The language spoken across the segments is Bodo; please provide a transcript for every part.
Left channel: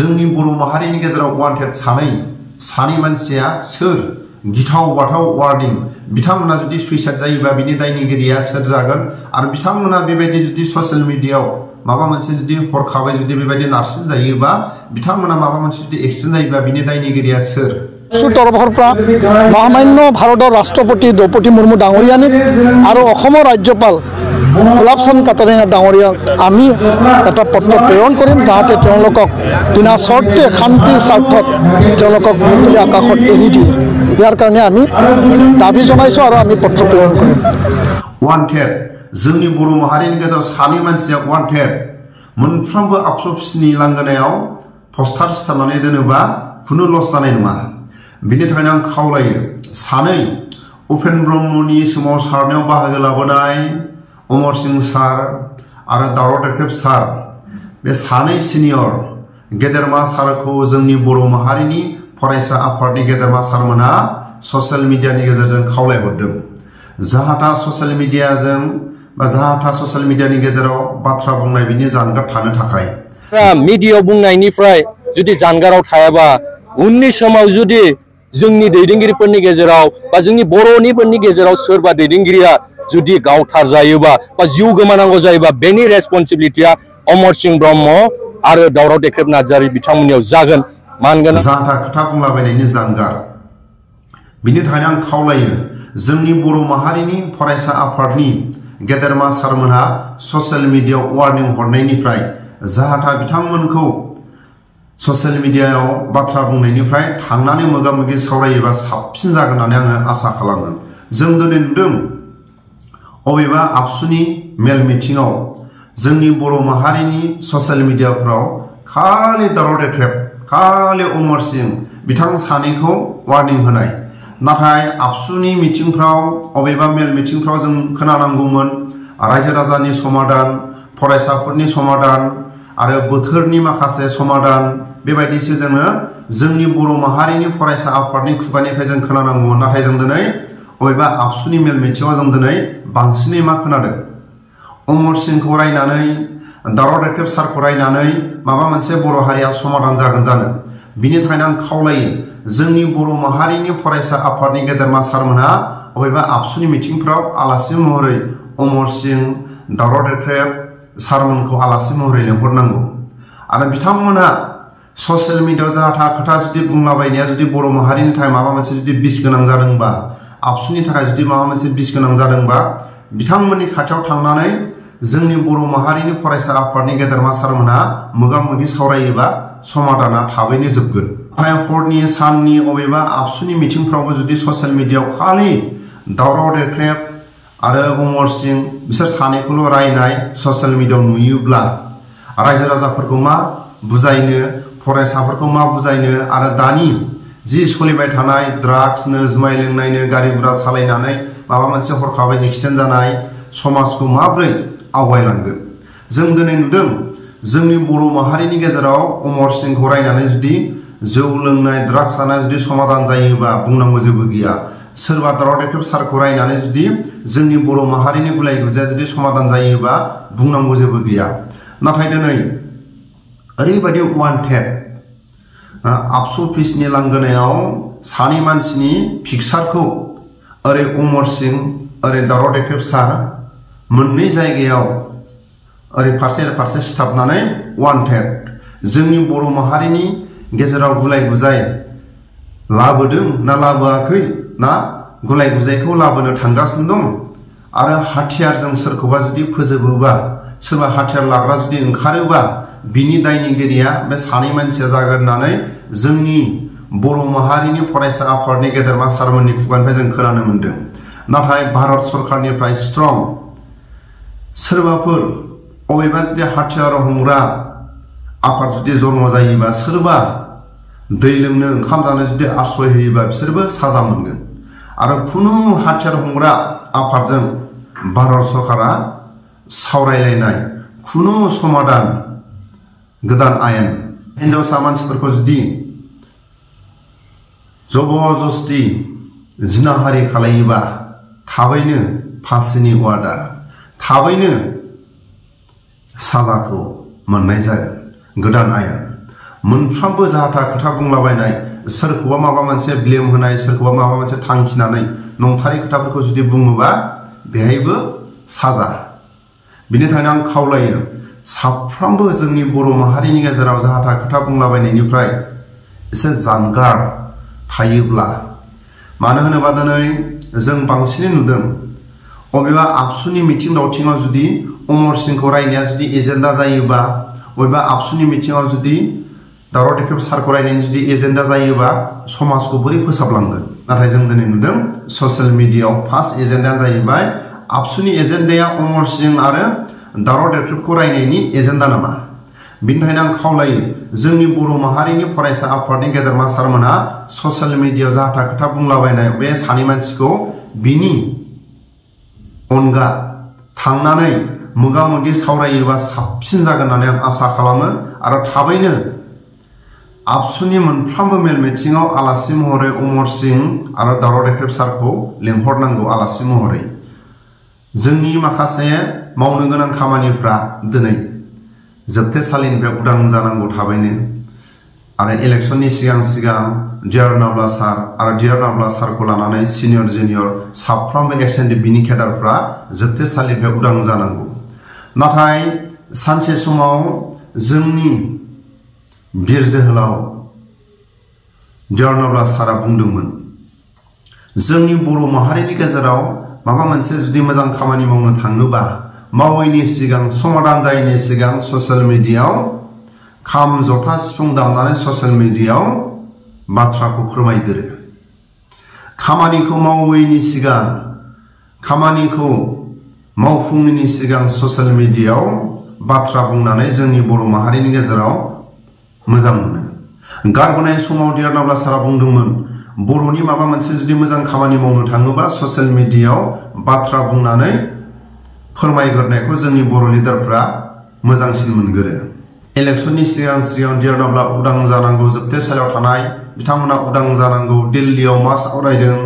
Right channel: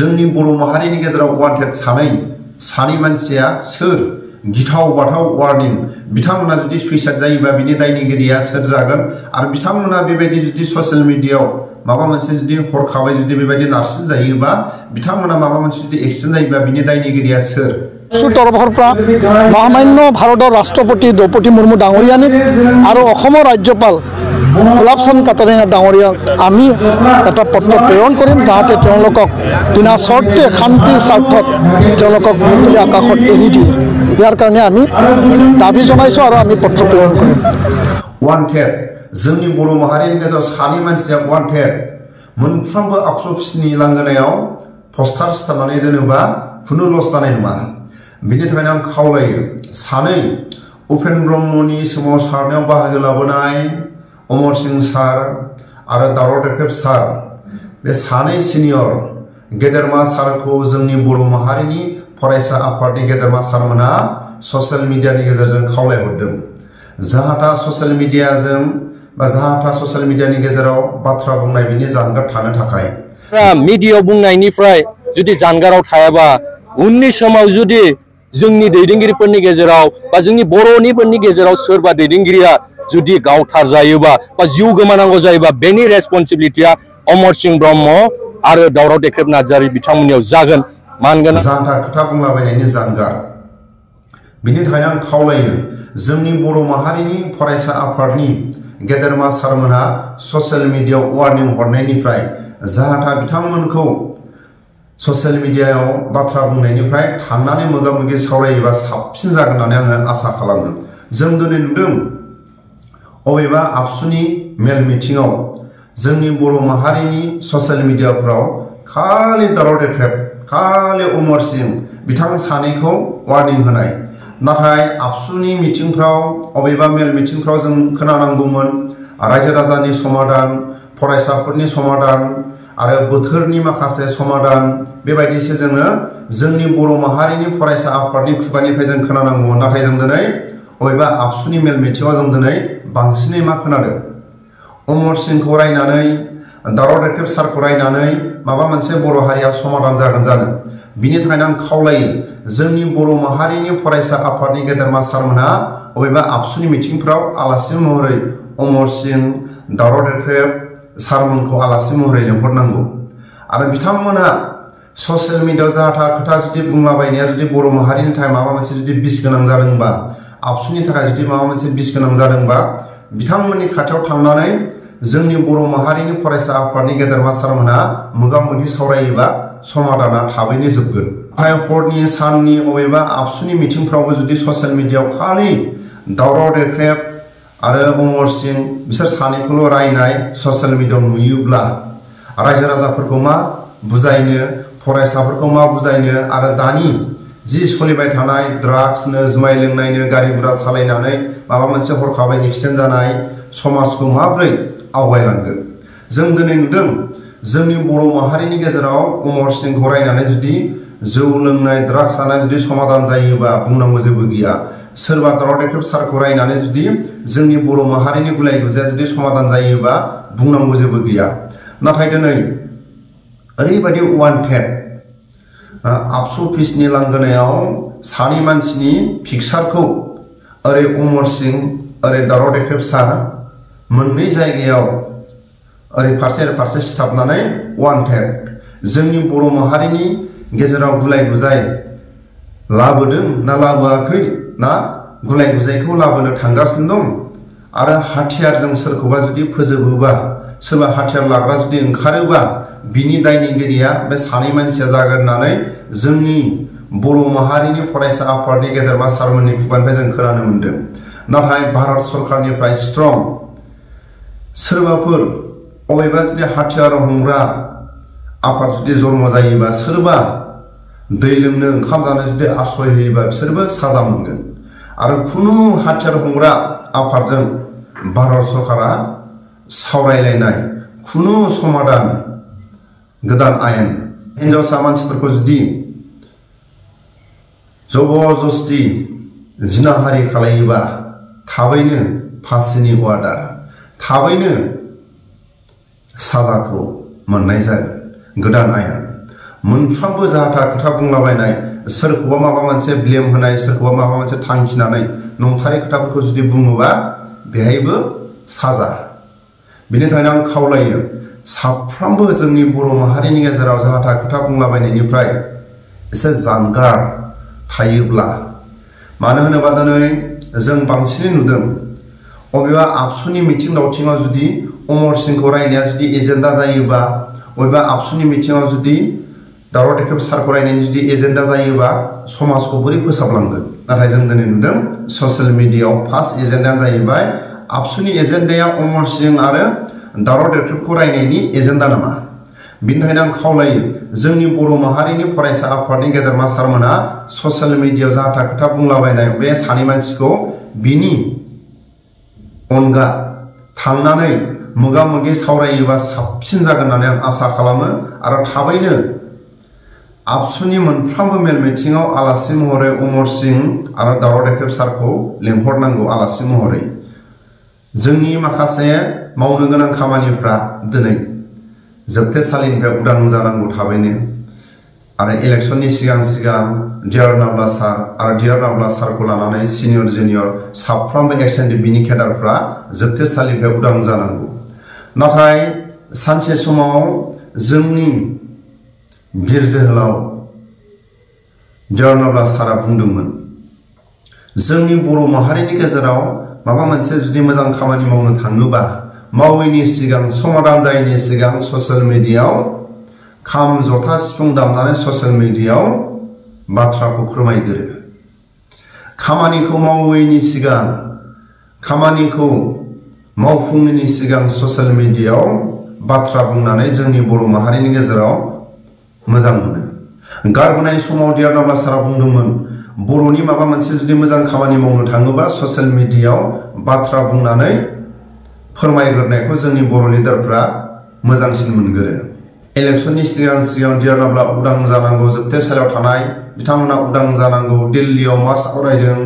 जोंनि बर' माहारिनि गेजेराव वान्टेड सानै मानसिया सोर गिथाव बाथाव वार्निं बिथांमोना जुदि सुइसाइड जायोबा बिनि दायनिगिरिया सोर जागोन आरो बिथांमोना बेबायदि जुदि ससियेल मिडियायाव माबा मोनसे जुदि हरखाबै जुदि बेबायदि नारसिन जायोबा बिथांमोना माबा मोनसे जुदि एक्सिडेन्ट जायोबा बिनि दायनिगिरिया सोर तरफर महामान्य भारतर राष्ट्रपति द्रौपदी मुर्मू डांगरियानि और राज्यपाल गुलाब चंद कटारिया डांगरिया आमी एटा पत्र प्रेरण करिम जाहाते बिना शर्ते शांति स्वार्थत मुकली आकाशत एरि दिए यार कारणे आमी दाबी जनाइछो आरो आमी पत्र प्रेरण करिम वान्टेड जोंनि बर' माहारिनि गेजेराव सानै मानसिया वान्टेड मोनफ्रोमबो ABSU अफिसनि लांगोनायाव पस्टार सिथाबनानै दोनोबा खुनु लस जानाय नङा बिनि थाखायनो आं खावलायो सानै उपेन ब्रह्मनि सोमावसारनायाव बाहागो लाबोनाय अमर सिंह सार आरो दावराव देख्रेब सार बे सानै सिनियर गेदेरमा सारखौ जोंनि बर' माहारिनि फरायसा आफादनि गेदेरमा सारमोना ससियेल मिडियानि गेजेरजों खावलायहरदों जाहाथा ससियेल मिडियानि गेजेराव बाथ्रा बुंनाय बिनि जानगार थानो थाखाय मिडियायाव बुंनायनिफ्राय जुदि जानगाराव थायाबा उननि समाव जुदि जोंनि दैदेनगिरिफोरनि गेजेराव बा जोंनि बर'निफोरनि गेजेराव सोरबा दैदेनगिरिया जुदि गावथार जायोबा बा जिउ गोमानांगौ जायोबा बेनि रेसपन्सिबिलिटिया अमर सिंह ब्रह्म आरो दावराव देख्रेब नार्जारी बिथांमोननियाव जागोन मानगोन जाहाथा खोथा बुंलाबायनायनि जानगार बिनि थाखायनो आं खावलायो जोंनि बर' माहारिनि फरायसा आफादनि गेदेरमा सारमोनहा ससियेल मिडियायाव वार्निं हरनायनिफ्राय जाहाथा बिथांमोनखौ ससियेल मिडियायाव बाथ्रा बुंनायनिफ्राय थांनानै मोगा-मोगि सावरायोबा साबसिन जागोन होननानै आङो आसा खालामो जों दिनै नुदों अबेबा ABSUनि मेल मिटिंआव जोंनि बर' माहारिनि ससियेल मिडियाफ्राव खालि दावराव देख्रेब खालि अमर सिंह बिथां सानैखौ वार्निं होनाय नाथाय ABSUनि मिटिंफ्राव अबेबा मेल मिटिंफ्राव जों खोनानांगौमोन रायजो राजानि समाधान फरायसाफोरनि समाधान आरो बोथोरनि माखासे समाधान बेबायदिसो जोङो जोंनि बर' माहारिनि फरायसा आफादनि खुगानिफ्राय जों खोनानांगौमोन नाथाय जों दिनै अबेबा ABSUनि मेल मिटिंआव जों दिनै बांसिनै मा खोनादों अमर सिंहखौ रायनानै दावराव देख्रेब सारखौ रायनानै माबा मोनसे बर' हारिया समाधान जागोन जानो बिनि थाखायनो आं खावलायो जोंनि बर' माहारिनि फरायसा आफादनि गेदेरमा सारमोनहा अबेबा ABSUनि मिटिंफ्राव आलासि महरै अमर सिंह दावराव देख्रेब सारमोनखौ आलासि महरै लेंहरनांगौ आरो बिथांमोनहा ससियेल मिडियायाव जाहाथा खोथा जुदि बुंलाबायनाया जुदि बर' माहारिनि थाखाय माबा मोनसे जुदि बिस गोनां जादोंबा ABSUनि थाखाय जुदि माबा मोनसे बिस गोनां जादोंबा बिथांमोननि खाथियाव थांनानै जोंनि बर' माहारिनि फरायसा आफादनि गेदेरमा सारमोनहा मोगा-मोगि सावरायोबा समाधाना थाबैनो जोबगोन नाथाय हरनि साननि अबेबा ABSUनि मिटिंफ्रावबो जुदि ससियेल मिडियायाव खालि दावराव देख्रेब आरो अमर सिंह बिसोर सानैखौल' रायनाय ससियेल मिडियायाव नुयोब्ला रायजो राजाफोरखौ मा बुजायनो फरायसाफोरखौ मा बुजायनो आरो दानि जि सोलिबाय थानाय ड्राग्सनो जुमाय लोंनायनो गारि गुरा सालायनानै माबा मोनसे हरखाबै एक्सिडेन्ट जानाय समाजखौ माब्रै आवगायलांगोन जों दिनै नुदों जोंनि बर' माहारिनि गेजेराव अमर सिंहखौ रायनानै जुदि जौ लोंनाय ड्राग्स जानाय जुदि समाधान जायोबा बुंनांगौ जेबो गैया सोरबा दावराव देख्रेब सारखौ रायनानै जुदि जोंनि बर' माहारिनि गुलाय गुजाया जुदि समाधान जायोबा बुंनांगौ जेबो गैया नाथाय दिनै ओरैबायदि वान्टेड ABSU अफिसनि लांगोनायाव सानै मानसिनि पिक्सारखौ ओरै अमर सिंह ओरै दावराव देख्रेब सार मोननै जायगायाव ओरै फारसे सिथाबनानै वान्टेड जोंनि बर' माहारिनि गेजेराव गुलाय गुजाय लाबोदों ना लाबोआखै ना गुलाय गुजायखौ लाबोनो थांगासिनो दं आरो हाथियारजों सोरखौबा जुदि फोजोबोबा सोरबा हाथियार लाग्रा जुदि ओंखारोबा बिनि दायनिगिरिया बे सानै मानसिया जागोन होननानै जोंनि बर' माहारिनि फरायसा आफादनि गेदेरमा सारमोननि खुगानिफ्राय जों खोनानो मोनदों नाथाय भारत सरकारनिफ्राय स्ट्रं सोरबाफोर अबेबा जुदि हाथियार हमग्रा आफाद जुदि जन्म जायोबा सोरबा दै लोंनो ओंखाम जानो जुदि आश्रय होयोबा बिसोरबो साजा मोनगोन आरो खुनु हाथियार हमग्रा आफादजों भारत सरकारा सावरायलायनाय खुनु समाधान गोदान आयेन हिनजावसा मानसिफोरखौ जुदि जबरदस्ति जिनाहारि खालायोबा थाबैनो फासिनि अर्डार थाबैनो साजाखौ मोननाय जागोन गोदान आयेन मोनफ्रोमबो जाहाथा खोथा बुंलाबायनाय सोरखौबा माबा मोनसे ब्लेम होनाय सोरखौबा माबा मोनसे थांखिनानै नंथारै खोथाफोरखौ जुदि बुङोबा बेहायबो साजा बिनि थाखायनो आं खावलायो साफ्रोमबो जोंनि बर' माहारिनि गेजेराव जाहाथा खोथा बुंलाबायनायनिफ्राय एसे जानगार थायोब्ला मानो होनोबा दिनै जों बांसिनै नुदों अबेबा आबसुनि मिथिं दावथिङाव जुदि अमर सिंहखौ रायनाया जुदि एजेन्डा जायोबा अबेबा आबसुनि मिथिङाव जुदि दावराव देख्रेब सारखौ रायनायनि जुदि एजेन्डा जायोबा समाजखौ बोरै फोसाबलांगोन नाथाय जों दिनै नुदों ससियेल मिडियायाव फार्स्ट एजेन्डाया जाहैबाय आबसुनि एजेन्डाया अमर सिंह आरो दावराव देख्रेबखौ रायनायनि एजेन्डा नामा बिनि थाखायनो आं खावलायो जोंनि बर' माहारिनि फरायसा आफादनि गेदेरमा सारमोनहा ससियेल मिडियायाव जाहाथा खोथा बुंलाबायनाय बे सानै मानसिखौ बिनि अनगा थांनानै मोगा मोगि सावरायोबा साबसिन जागोन होननानै आं आसा खालामो आरो थाबैनो आबसुनि मोनफ्रोमबो मेल मिथिङाव आलासि महरै अमर सिंह आरो दावराव देख्रेब सारखौ लिंहरनांगौ आलासि महरै जोंनि माखासे मावनो गोनां खामानिफ्रा दिनै जोबथेसालिनिफ्राय उदां जानांगौ थाबैनो आरो इलेक्शननि सिगां सिगां डिआर नाब्ला सार आरो डिआर नाब्ला सारखौ लानानै सिनियर जुनियर साफ्रोमबो एक्सएनडिपिनि केडारफ्रा जोबथेसालिनिफ्राय उदां जानांगौ नाथाय सानसे समाव जोंनि बिर जोहोलाव डिआर नाब्ला सारा बुंदोंमोन जोंनि बर' माहारिनि गेजेराव माबा मोनसे जुदि मोजां खामानि मावनो थाङोबा मावैनि सिगां समाधान जायैनि सिगां ससियेल मिडियायाव खाम जथा सिफुं दामनानै ससियेल मिडियायाव बाथ्राखौ फोरमायग्रो खामानिखौ मावैनि सिगां खामानिखौ मावफुङैनि सिगां ससियेल मिडियायाव बाथ्रा बुंनानै जोंनि बर' माहारिनि गेजेराव मोजां मोनो गारबोनाय समाव डिआर नाब्ला सारा बुंदोंमोन बर'नि माबा मोनसे जुदि मोजां खामानि मावनो थाङोबा ससियेल मिडियायाव बाथ्रा बुंनानै फोरमायग्रोनायखौ जोंनि बर' लिडारफ्रा मोजांसिन मोनगोरो इलेक्शननि सिगां सिगां डिआर नाब्ला उदां जानांगौ जोबथेसालियाव थानाय बिथांमोना उदां जानांगौ दिल्लीयाव मा सावरायदों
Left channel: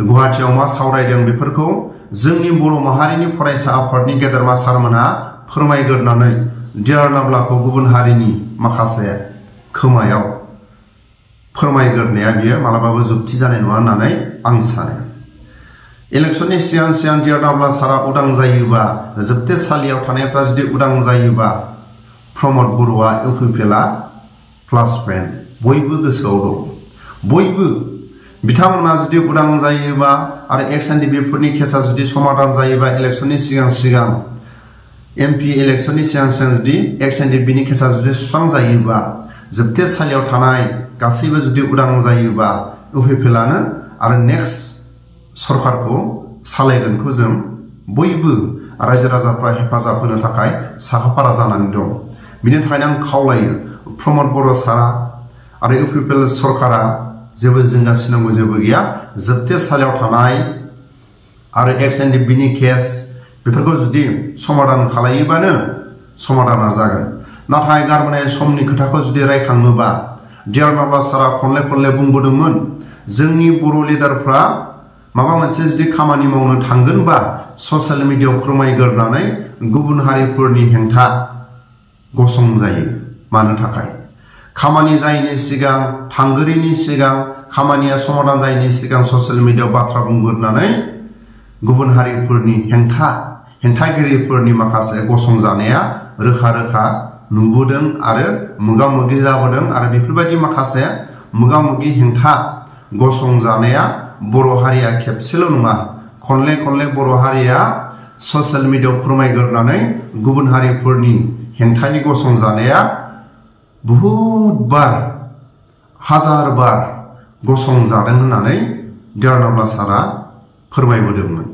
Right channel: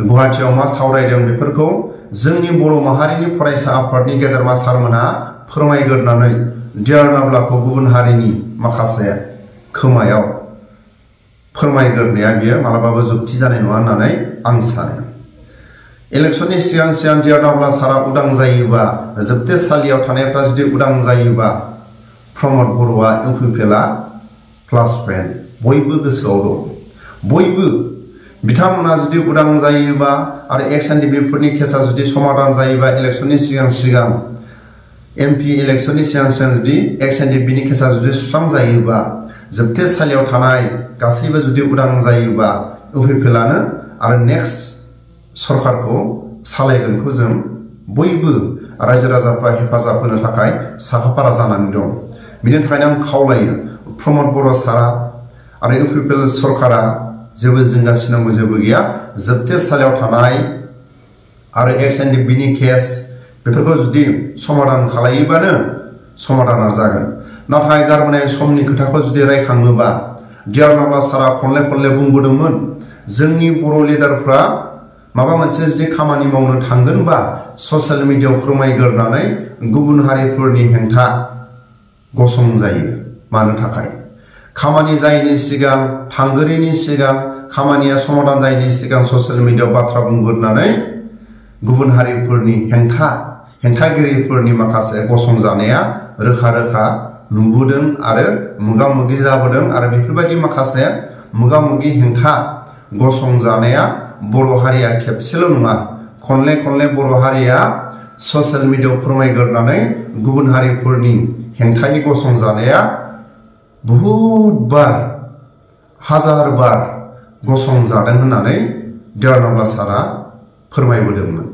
गुवाहाटीयाव मा सावरायदों बेफोरखौ जोंनि बर' माहारिनि फरायसा आफादनि गेदेरमा सारमोनहा फोरमायग्रोनानै डिआर नाब्लाखौ गुबुन हारिनि माखासे खोमायाव फोरमायग्रोनाया बियो मालाबाबो जुक्ति जानाय नङा होननानै आं सानो इलेक्शननि सिगां सिगां डिआर नाब्ला सारा उदां जायोबा जोबथेसालियाव थानायफ्रा जुदि उदां जायोबा प्रमद बर'आ इउपिपिएलआ प्लास पइन्ट बयबो गोसोआव दं बयबो बिथांमोना जुदि उदां जायोबा आरो एक्सएनडिपिफोरनि केसा जुदि समाधान जायोबा इलेक्शननि सिगां सिगां एमपि इलेक्शननि सिगां सिगां जुदि एक्सएनडिपिनि केसा जुदि सुस्रांजायोबा जोबथेसालियाव थानाय गासैबो जुदि उदां जायोबा इउपिपिएलआनो आरो नेक्स्ट सरकारखौ सालायगोनखौ जों बयबो रायजो राजाफ्रा हेफाजाब होनो थाखाय साखाफारा जानानै दं बिनि थाखायनो आं खावलायो प्रमद बर' सारा आरो इउपिपिएल सरकारा जेबो जिंगासिनांगौ जेबो गैया जोबथेसालियाव थानाय आरो एक्सएनडिपिनि केस बेफोरखौ जुदि समाधान खालायोबानो समाधाना जागोन नाथाय गारबोनाय समनि खोथाखौ जुदि रायखाङोबा डिआर नाब्ला सारा खनले खनले बुंबोदोंमोन जोंनि बर' लिडारफ्रा माबा मोनसे जुदि खामानि मावनो थांगोनबा ससियेल मिडियायाव फोरमायग्रोनानै गुबुन हारिफोरनि हेंथा गसंजायो मानो थाखाय खामानि जायैनि सिगां थांगोरैनि सिगां खामानिया समाधान जायैनि सिगां ससियेल मिडियायाव बाथ्रा बुंग्रोनानै गुबुन हारिफोरनि हेंथागिरिफोरनि माखासे गसंजानाया रोखा रोखा नुबोदों आरो मोगा मोगि जाबोदों आरो बेफोरबायदि माखासे मोगा मोगि हेंथा गसंजानाया बर' हारिया खेबसेल' नङा खनले खनले बर' हारिया ससियेल मिडियायाव फोरमायग्रोनानै गुबुन हारिफोरनि हेंथायै गसंजानाया बहुद बार हाजार बार गसंजादों होननानै डिआर नाब्ला सारा फोरमायबोदोंमोन